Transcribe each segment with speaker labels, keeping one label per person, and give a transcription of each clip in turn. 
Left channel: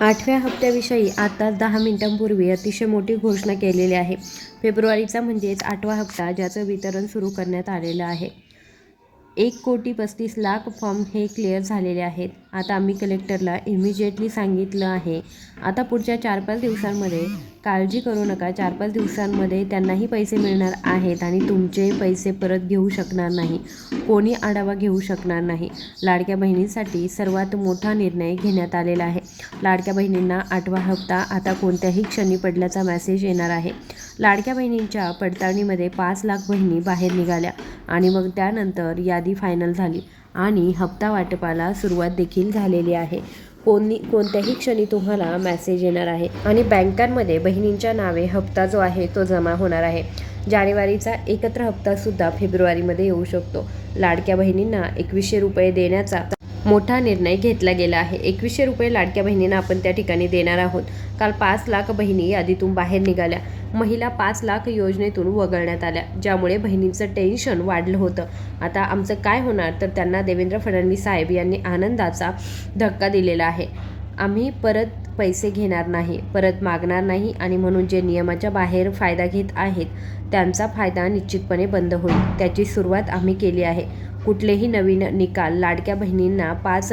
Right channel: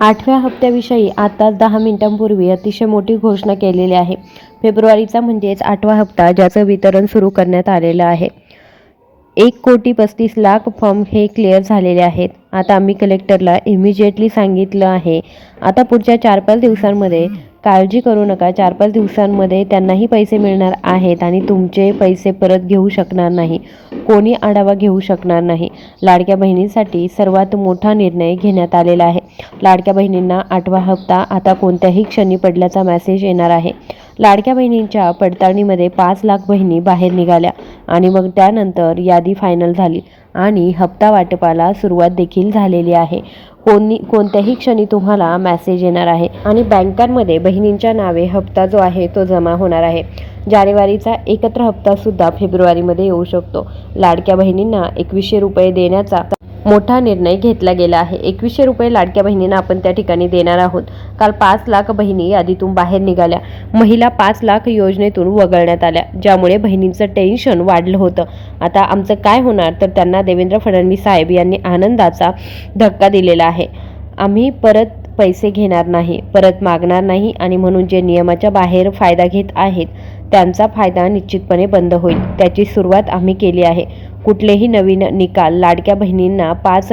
Speaker 1: आठव्या हप्त्याविषयी आताच दहा मिनिटांपूर्वी अतिशय मोठी घोषणा केलेली आहे. फेब्रुवारीचा म्हणजेच आठवा हप्ता ज्याचं वितरण सुरू करण्यात आलेलं आहे. एक कोटी पस्तीस लाख फॉर्म हे क्लिअर झालेले आहेत. आता आम्ही कलेक्टरला इमिजिएटली सांगितलं आहे. आता पुढच्या चार पाच दिवसांमध्ये काळजी करू नका. चार पाच दिवसांमध्ये त्यांनाही पैसे मिळणार आहेत आणि तुमचे पैसे परत घेऊ शकणार नाही. कोणी आढावा घेऊ शकणार नाही. लाडक्या बहिणींसाठी सर्वात मोठा निर्णय घेण्यात आलेला आहे. लाडक्या बहिणींना आठवा हप्ता आता कोणत्याही क्षणी पडल्याचा मेसेज येणार आहे. लाडक्या बहिणींच्या पडताळणीमध्ये पाच लाख बहिणी बाहेर निघाल्या आणि मग त्यानंतर यादी फायनल झाली आणि हप्ता वाटपाला सुरुवात देखील झालेली आहे. कोणी कोणत्याही क्षणी तुम्हाला मेसेज येणार आहे. आणि बँकांमध्ये बहिणींच्या नावे हप्ता जो आहे तो जमा होणार आहे. जानेवारीचा एकत्र हप्तासुद्धा फेब्रुवारीमध्ये येऊ शकतो. लाडक्या बहिणींना एकवीसशे रुपये देण्याचा मोठा निर्णय घेतला गेला आहे. एकवीसशे रुपये लाडक्या बहिणींना आपण त्या ठिकाणी देणार आहोत. काल पाच लाख बहिणी यादीतून बाहेर निघाल्या. महिला पाच लाख योजनेतून वगळण्यात आल्या ज्यामुळे बहिणींचं टेन्शन वाढलं होतं. आता आमचं काय होणार? तर त्यांना देवेंद्र फडणवीस साहेब यांनी आनंदाचा धक्का दिलेला आहे. आम्ही परत पैसे घेणार नाही परत मागणार नाही आणि म्हणून जे नियमाच्या बाहेर फायदा घेत आहेत त्यांचा फायदा निश्चितपणे बंद होईल. त्याची सुरुवात आम्ही केली आहे. कुठलेही नवीन निकाल लाडक्या बहिणींना पाच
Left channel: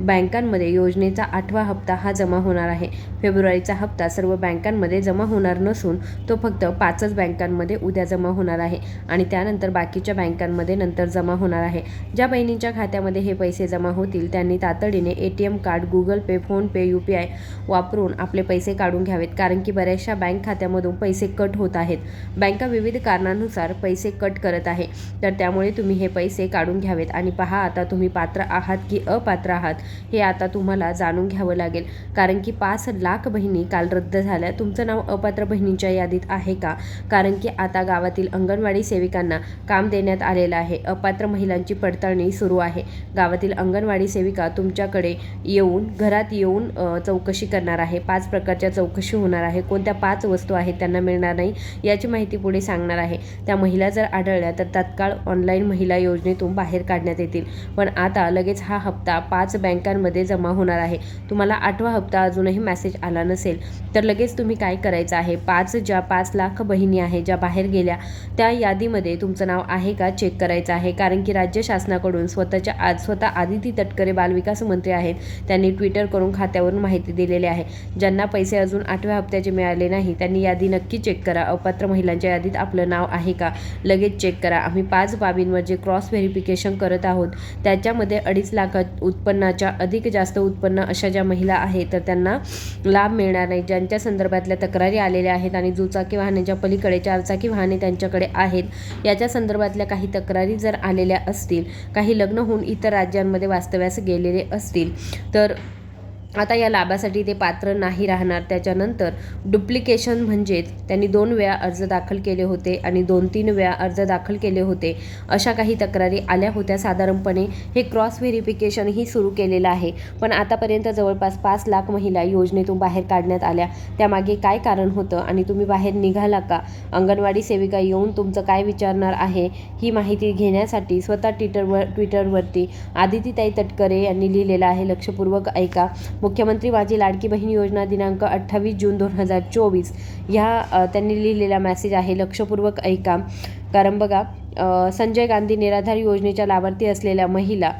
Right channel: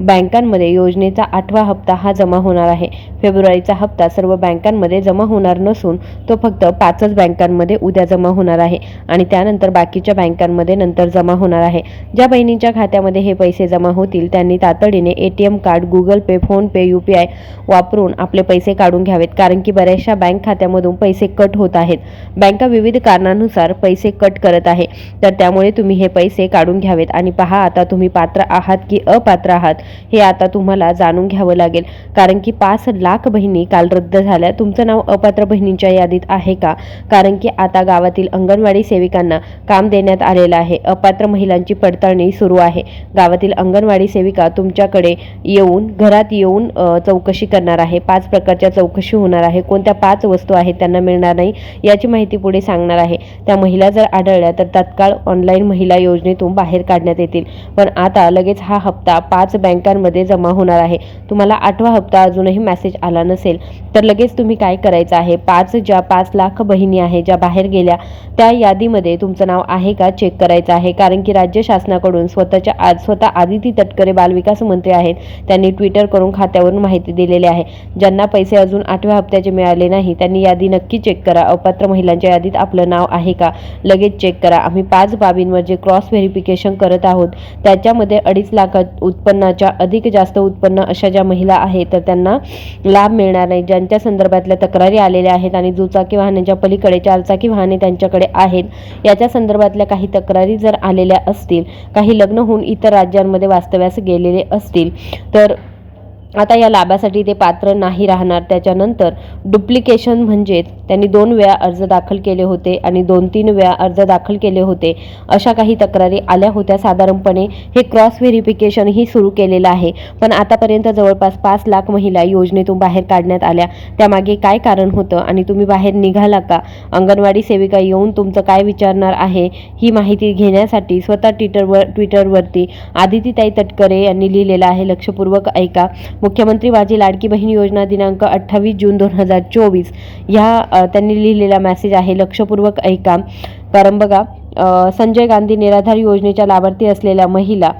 Speaker 1: बँकांमध्ये योजनेचा आठवा हप्ता हा जमा होणार आहे. फेब्रुवारीचा हप्ता सर्व बँकांमध्ये जमा होणार नसून तो फक्त पाचच बँकांमध्ये उद्या जमा होणार आहे आणि त्यानंतर बाकीच्या बँकांमध्ये नंतर जमा होणार आहे. ज्या बहिणींच्या खात्यामध्ये हे पैसे जमा होतील त्यांनी तातडीने A T M card Google Pay PhonePe U P I वापरून आपले पैसे काढून घ्यावेत कारण की बऱ्याचशा बँक खात्यामधून पैसे कट होत आहेत. बँका विविध कारणानुसार पैसे कट करत आहे. तर त्यामुळे तुम्ही हे पैसे काढून घ्यावेत आणि पहा आता तुम्ही पात्र आहात की अपात्र आहात? हे आता तुम्हाला जाणून घ्यावं लागेल. कारण की पाच लाख बहिणी काल रद्द झाल्या. तुमचं नाव अपात्र बहिणींच्या यादीत आहे का? कारण की आता गावातील अंगणवाडी सेविकांना काम देण्यात आलेलं आहे. अपात्र महिलांची पडताळणी सुरू आहे. गावातील अंगणवाडी सेविका तुमच्याकडे येऊन घरात येऊन चौकशी करणार आहे. पाच प्रकारच्या चौकशी होणार आहे. कोणत्या पाच वस्तू आहेत त्यांना मिळणार नाही याची माहिती पुढे सांगणार आहे. त्या महिला जर आढळल्या तर तत्काळ ऑनलाईन महिला योजनेतून बाहेर काढण्यात येतील. पण आता लगेच हा हप्ता पाच बँक बँकांमध्ये जमा होणार आहे. तुम्हाला आठवा हप्ता अजूनही मेसेज आला नसेल तर लगेच तुम्ही काय करायचं आहे? पाच ज्या पाच लाख बहिणी आहे ज्या बाहेर गेल्या त्या यादीमध्ये तुमचं नाव आहे का? चेक करायचं आहे. कारण की राज्य शासनाकडून स्वतःच्या आज स्वतः आदिती तटकरे बालविकास मंत्री आहेत. त्यांनी ट्विटर करून खात्यावरून माहिती दिलेली आहे. ज्यांना पैसे अजून आठव्या हप्त्याचे मिळाले नाही त्यांनी यादी नक्की चेक करा. अपात्र महिलांच्या यादीत आपलं नाव आहे का? लगेच चेक करा. आम्ही पाच बाबींवर जे क्रॉस व्हेरिफिकेशन करत आहोत. त्याच्यामध्ये अडीच लाख उत्पन्नाच्या अधिक जास्त उत्पन्न अशा ज्या महिला आहेत तर त्यांना लाभ मिळणार नाही. ज्यांच्या संदर्भातल्या तक्रारी आलेल्या आहेत आणि दुचाकी वाहनांच्या पलीकडे चारचाकी वाहने त्यांच्याकडे आहेत याच्या संदर्भातल्या काही तक्रारी जर आलेल्या असतील काही लग्न होऊन इतर राज्यांमध्ये वास्तव्यास गेलेले असतील तर आता या लाभासाठी ते पात्र नाही राहणार. त्याच्यानंतर डुप्लिकेशन म्हणजेच त्यांनी दोन वेळा अर्ज दाखल केले होते आणि दोन तीन वेळा अर्ज दाखल केले होते. अशा काही तक्रारी आल्या होत्या. साधारणपणे हे क्रॉस व्हेरिफिकेशनही सुरू केलेलं आहे. पण आतापर्यंत जवळपास पाच लाख महिला योजनेतून बाहेर काढण्यात आल्या. त्यामागे काय कारण होतं आणि तुम्ही बाहेर निघाला का? अंगणवाडी सेविका येऊन तुमचं काय विचारणार आहे ही माहिती घेण्यासाठी स्वतः ट्विटरवर ट्विटरवरती आदितीताई तटकरे यांनी लिहिलेलं आहे. लक्षपूर्वक ऐका. मुख्यमंत्री माझी लाडकी बहीण योजना दिनांक अठ्ठावीस जून दोन हजार चोवीस ह्या त्यांनी लिहिलेला मेसेज आहे लक्षपूर्वक ऐका. कारण बघा संजय गांधी निराधार योजनेच्या लाभार्थी असलेल्या महिला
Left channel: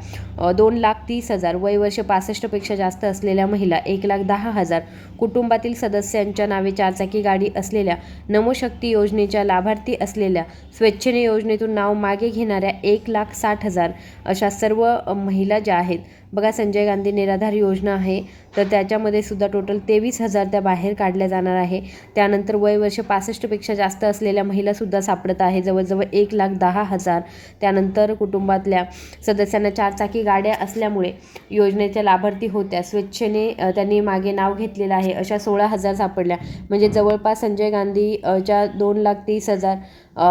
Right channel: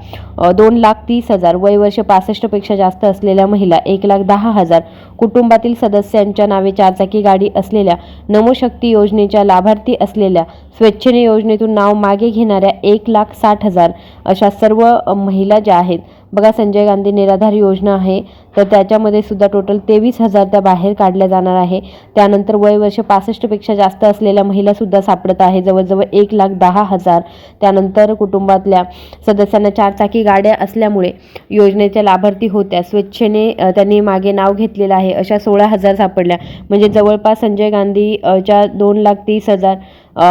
Speaker 1: दोन लाख तीस हजार वय वर्ष पासष्टपेक्षा जास्त असलेल्या महिला एक लाख दहा हजार कुटुंबातील सदस्यांच्या नावे चारचाकी गाडी असलेल्या नमोशक्ती योजनेच्या लाभार्थी असलेल्या स्वेच्छेने योजनेतून नाव मागे घेणाऱ्या एक लाख साठ हजार अशा सर्व महिला ज्या आहेत बघा संजय गांधी निराधार योजना आहे तर त्याच्यामध्ये सुद्धा टोटल तेवीस हजार त्या बाहेर काढल्या जाणार आहे. त्यानंतर वय वर्ष पासष्टपेक्षा जास्त असलेल्या महिलासुद्धा सापडत आहे जवळजवळ एक लाख दहा हजार. त्यानंतर कुटुंबातल्या सदस्यांना चारचाकी गाड्या असल्यामुळे योजनेच्या लाभार्थी होत्या. स्वेच्छेने त्यांनी मागे नाव घेतलेलं आहे अशा सोळा हजार सापडल्या. म्हणजे जवळपास संजय गांधी च्या दोन लाख तीस हजार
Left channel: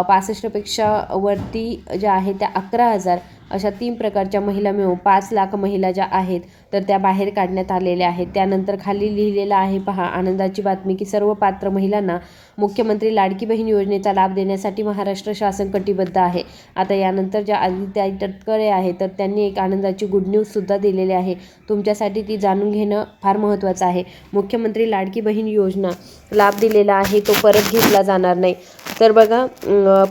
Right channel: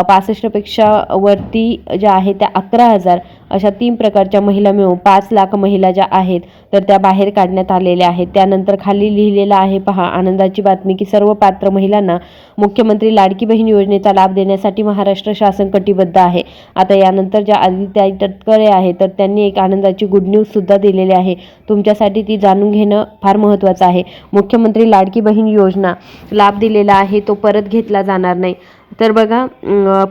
Speaker 1: पासष्टपेक्षा वरती ज्या आहे त्या अकरा हजार. अशा तीन प्रकारच्या महिला मिळून पाच लाख महिला ज्या आहेत तर त्या बाहेर काढण्यात आलेल्या आहेत. त्यानंतर खाली लिहिलेलं आहे पहा आनंदाची बातमी की सर्व पात्र महिलांना मुख्यमंत्री लाडकी बहीण योजनेचा लाभ देण्यासाठी महाराष्ट्र शासन कटिबद्ध आहे. आता यानंतर ज्या आदित्य तटकरे आहे तर त्यांनी एक आनंदाची गुड न्यूज सुद्धा दिलेली आहे. तुमच्यासाठी ती जाणून घेणं फार महत्त्वाचं आहे. मुख्यमंत्री लाडकी बहीण योजना लाभ दिलेला आहे तो परत घेतला जाणार नाही. तर बघा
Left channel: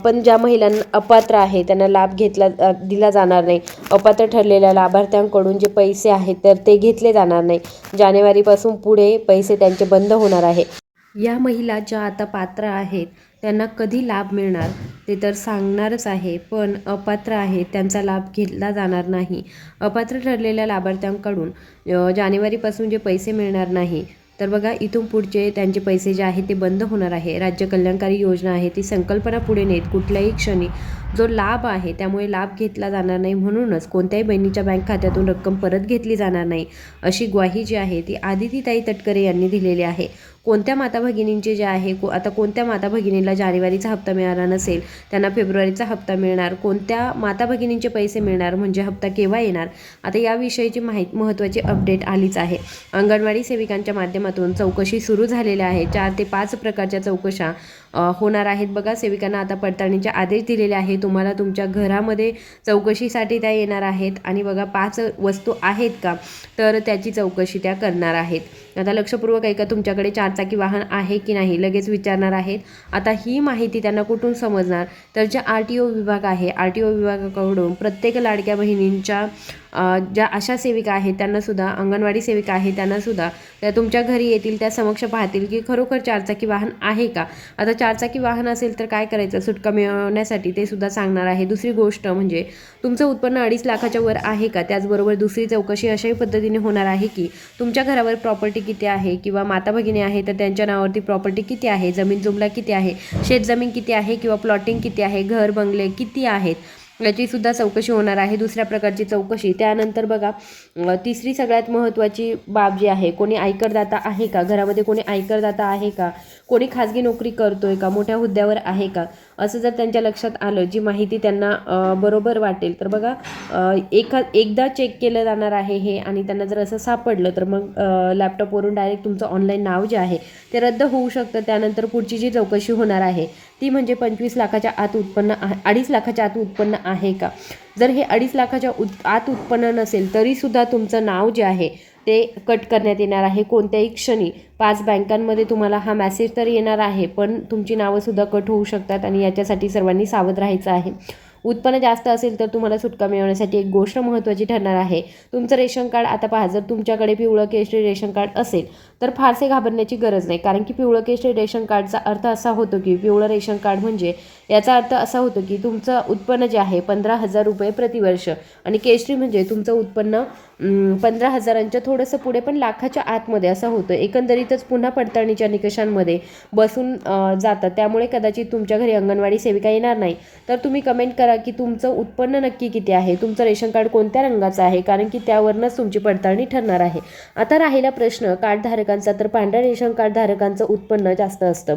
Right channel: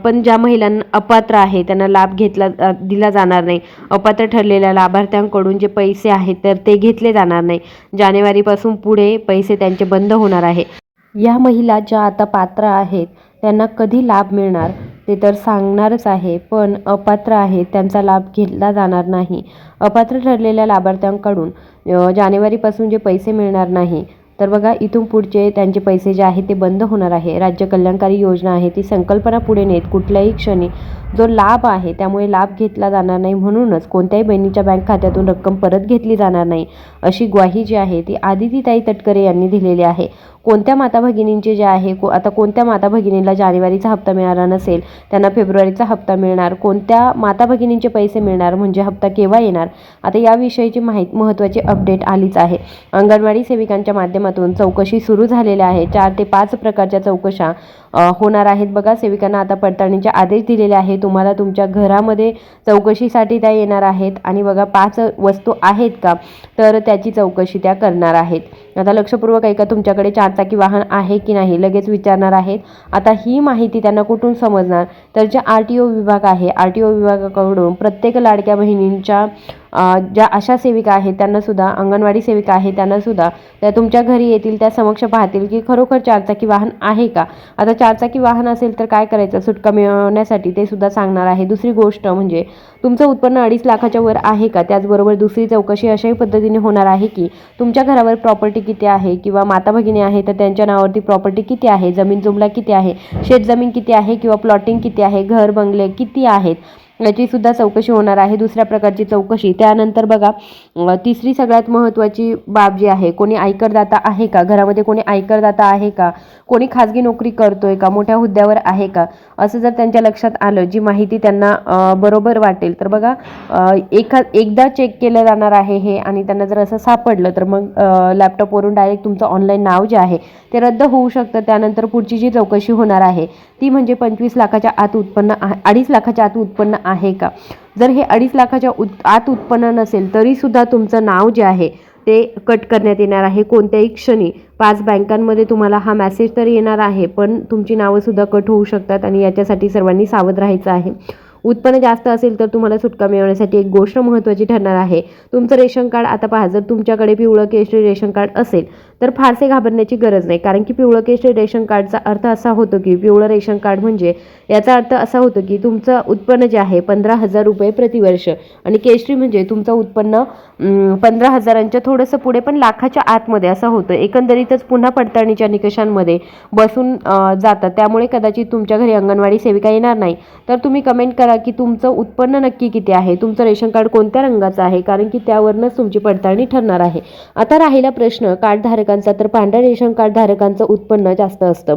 Speaker 1: पण ज्या महिलांना अपात्र आहे त्यांना लाभ घेतला दिला जाणार नाही. अपात्र ठरलेल्या लाभार्थ्यांकडून जे पैसे आहेत तर ते घेतले जाणार नाही. जानेवारीपासून पुढे पैसे त्यांचे बंद होणार आहे. या महिला ज्या आता पात्र आहेत त्यांना कधी लाभ मिळणार ते तर सांगणारच आहे पण अपात्र आहेत त्यांचा लाभ घेतला जाणार नाही. अपात्र ठरलेल्या लाभार्थ्यांकडून जानेवारीपासून जे पैसे मिळणार नाही तर बघा इथून पुढचे त्यांचे पैसे जे आहेत ते बंद होणार आहे. राज्य कल्याणकारी योजना आहे ती संकल्पना पुढे नेत कुठल्याही क्षणी जो लाभ आहे त्यामुळे लाभ घेतला जाणार नाही म्हणूनच कोणत्याही बहिणीच्या बँक खात्यातून रक्कम परत घेतली जाणार नाही अशी ग्वाही जी आहे ती आदितीताई तटकरे यांनी दिलेली आहे. कोणत्या माता भगिनींचे जे आहे को आता कोणत्या माता भगिनीला जानेवारीचा हप्ता मिळाला नसेल त्यांना फेब्रुवारीचा हप्ता मिळणार. कोणत्या माता भगिनींचे पैसे मिळणार म्हणजे हप्ता केव्हा येणार? आता याविषयीची माहिती महत्त्वाची अपडेट आलीच आहे. अंगणवाडी सेविकांच्या माध्यमातून चौकशी सुरू झालेल्या आहे चार ते पाच प्रकारच्या चौकशा होणार आहेत. बघा सेविकांना आता पडताळणीचे आदेश दिलेले आहे तुम्हाला तुमच्या घरामध्ये चौकशीसाठी त्या येणार आहेत. आणि बघा पाच वस्तू आहेत का? तर त्याची चौकशी त्या करणार आहेत. आता लक्षपूर्वक ऐका तुमच्याकडे चारचाकी वाहन आहे की नाही? लगेच विचारणार आहेत. आता ही माहिती त्यांना कुठून समजणार? तर जे आर टी ओ विभाग आहे आर टी ओ विभागाकडून प्रत्येक लाडक्या बहिणींच्या ज्या आशा सेविका आहेत त्यांनासुद्धा अंगणवाडी सेविका आहे त्यांनासुद्धा त्या तुमच्या घरी येतील त्या समक्ष पाहतील की खरोखर चारचाकी वाहन आहे का? आता चारचाकी वाहन असेल तर काय करायचं? सुटका मिळवण्यासाठी ते सुद्धा सांगणार आहे. दुसरी गोष्ट म्हणजे तुमचं उत्पन्न अडीच लाखाच्या वर आहे का? त्याचबरोबर दुसरी चौकशी अशाही पद्धतीने होणार आहे की तुमच्या घरावर प्रॉपर्टी किती आहे किंवा माता भगिनी आहे तर त्यांच्या नावावरती प्रॉपर्टी किती आहे? जमीन जुमला किती आहे? शेतजमीन किती आहे? किंवा प्लॉटिंग किती आहे आहे घर बंगले किती आहेत याची सुद्धा चौकशी होणार आहे दुसऱ्या प्रकारची चौकशी. त्यानंतर बघा तिसरी सगळ्यात महत्त्वाची बाब जी आहे कोणी आयकरदाता आहे का? घरामध्ये कोणी आयकरदाता आहे का? कोणी खाजगी नोकरी करतोय का? मोठ्या हुद्द्यावर आहे का? असं जर त्यांच्या लक्षात आलं जी माहिती त्यांना बरोबर वाटेल तर बघा एखा एकदा चेक केलं जाणार आहे हे आणि त्यांना जर असं सापडलं तर मग लॅपटॉपवरून डायरेक्ट तुमचं ऑनलाईन नाव जे आहे ते रद्द होऊ शकतं. त्यानंतर पुढची जी चौकशी होणार आहे ती म्हणजे पंचवीस लाखाच्या आत उत्पन्न आहे अडीच लाखाच्या आत उत्पन्न आहे का? जर हे अडीच लाखाच्या उत आत उत्पन्न नसेल तरीसुद्धा तुमचं नाव जे आहे ते कट करण्यात येणार आहे कोणत्याही क्षणी. पाच बँकांमध्ये तुम्हाला हा मॅसेज तर येणार आहे पण तुमची नावंसुद्धा कट होऊ शकतात आणि याच्यासाठी सर्वांनी सावध राहायचं आहे. उत्पन्न जास्त असेल तर तुम्हाला सुटका मिळवण्यासाठी एक गोष्ट महत्त्वाची ठरणार आहे. तुमचं रेशन कार्ड आता पहा जर तुमच्याकडे पिवळं केशरी रेशन कार्ड असेल तर फारसे घाबरण्याची गरज नाही. कारण की पिवळं केशरी रेशन कार्डचा अर्थ असा होतो की पिवळं रेशन कार्ड म्हणजे याचा अर्थ असा होतो की तुमचं उत्पन्न जे आहे पंधरा हजार रुपये प्रतिवर्ष आणि केशरी म्हणजे तुमचं उत्पन्न पंधरा हजारांच्या थोडंसं पुढे पण लाखाच्या आतमध्ये असं होतं. एकंदरीतच पुन्हा पडताळणीच्या निकषांमध्ये बसून जातात. त्यामुळे कदाचित तुमच्या घरी अंगणवाडी सेविका येणार नाही. तर तुम्ही कमेंट करा की तुमचं उत्पन्न नक्की किती आहे? तुमचं रेशन कार्ड कोणत्या रंगाचं आहे? कारण की त्यावरनंच तुमची पडताळणी ठरणार आहे. आता राहिला प्रश्न कार्डधारक धारकांचा तर पांढऱ्या रेशन कार्ड धारकांचं उत्पन्न जास्त असतं.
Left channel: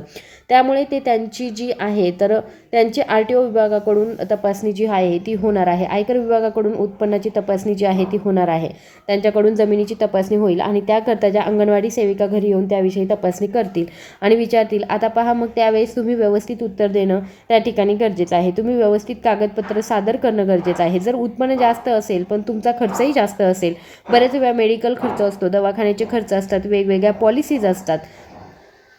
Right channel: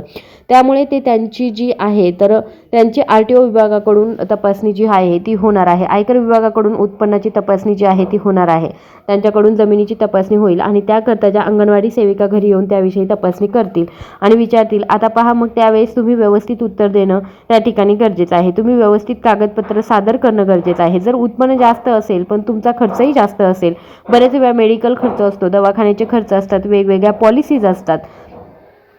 Speaker 1: त्यामुळे ते त्यांची जी आहे तर त्यांची आर टी ओ विभागाकडून तपासणी जी आहे ती होणार आहे. आयकर विभागाकडून उत्पन्नाची तपासणी जी आहे ती होणार आहे. त्यांच्याकडून जमिनीची तपासणी होईल आणि त्याकरता ज्या अंगणवाडी सेविका घरी येऊन त्याविषयी तपासणी करतील आणि विचारतील आता पहा मग त्यावेळेस तुम्ही व्यवस्थित उत्तर देणं त्या ठिकाणी गरजेचं आहे. तुम्ही व्यवस्थित कागदपत्र सादर करणं गरजेचं आहे. जर उत्पन्न जास्त असेल पण तुमचा खर्चही जास्त असेल बरेच वेळा मेडिकल खर्च असतो दवाखान्याचे खर्च असतात वेगवेगळे वेगवेगळ्या पॉलिसीज असतात.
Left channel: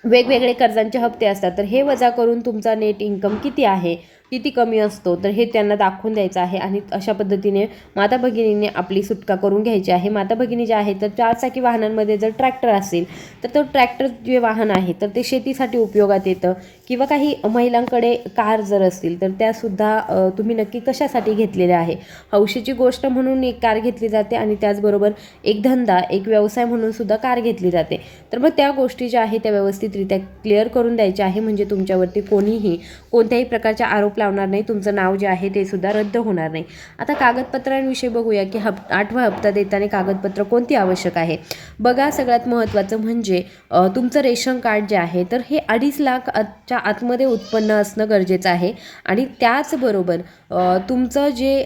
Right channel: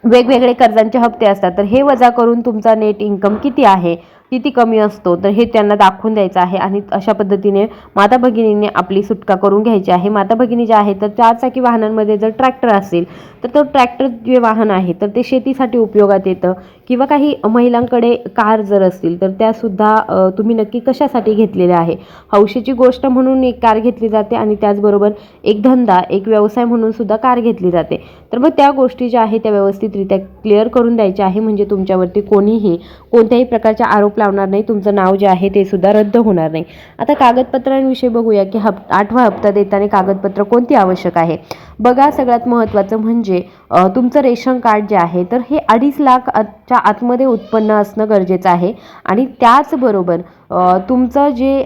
Speaker 1: वेगवेगळे कर्जांचे हप्ते असतात. तर हे वजा करून तुमचा नेट इन्कम किती आहे? किती कमी असतो? तर हे त्यांना दाखवून द्यायचं आहे आणि अशा पद्धतीने माता भगिनीने आपली सुटका करून घ्यायची आहे. माता भगिनी जे आहे तर चारचाकी वाहनांमध्ये जर ट्रॅक्टर असेल तर तो ट्रॅक्टर जे वाहन आहे तर ते शेतीसाठी उपयोगात येतं. किंवा काही महिलांकडे कार जर असतील तर त्यासुद्धा तुम्ही नक्की कशासाठी घेतलेल्या आहे? हौशीची गोष्ट म्हणून एक कार घेतली जाते आणि त्याचबरोबर एक धंदा एक व्यवसाय म्हणून सुद्धा कार घेतली जाते. तर मग त्या गोष्टी ज्या आहेत त्या व्यवस्थितरित्या क्लिअर करून द्यायच्या आहे म्हणजे तुमच्यावरती कोणीही कोणत्याही प्रकारचे आरोप लावणार नाही तुमचं नाव जे आहे ते सुद्धा रद्द होणार नाही. आता कागदपत्रांविषयी बघूया की हप आठवा हप्ता देताना कागदपत्र कोणती आवश्यक आहे? बघा सगळ्यात महत्त्वाचं म्हणजे तुमचं रेशन कार्ड जे आहे तर हे अडीच लाख आतमध्ये उत्पन्न असणं गरजेचं आहे. आणि त्याचबरोबर तुमचं जे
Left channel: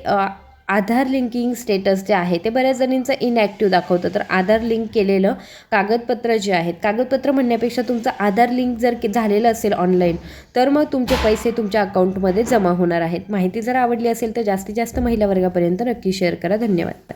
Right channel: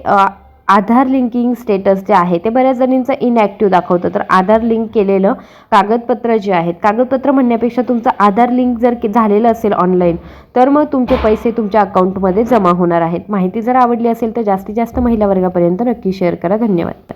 Speaker 1: आधार लिंकिंग स्टेटस जे आहे ते बऱ्याच जणींचं इनॲक्टिव्ह दाखवतं. तर आधार लिंक केलेलं कागदपत्र जे आहेत कागदपत्र म्हणण्यापेक्षा तुमचं आधार लिंक जर झालेलं असेल ऑनलाईन तर मग तुमचे पैसे तुमच्या अकाउंटमध्ये जमा होणार आहेत. माहिती जर आवडली असेल तर जास्तीत जास्त महिला वर्गापर्यंत नक्की शेअर करा. धन्यवाद.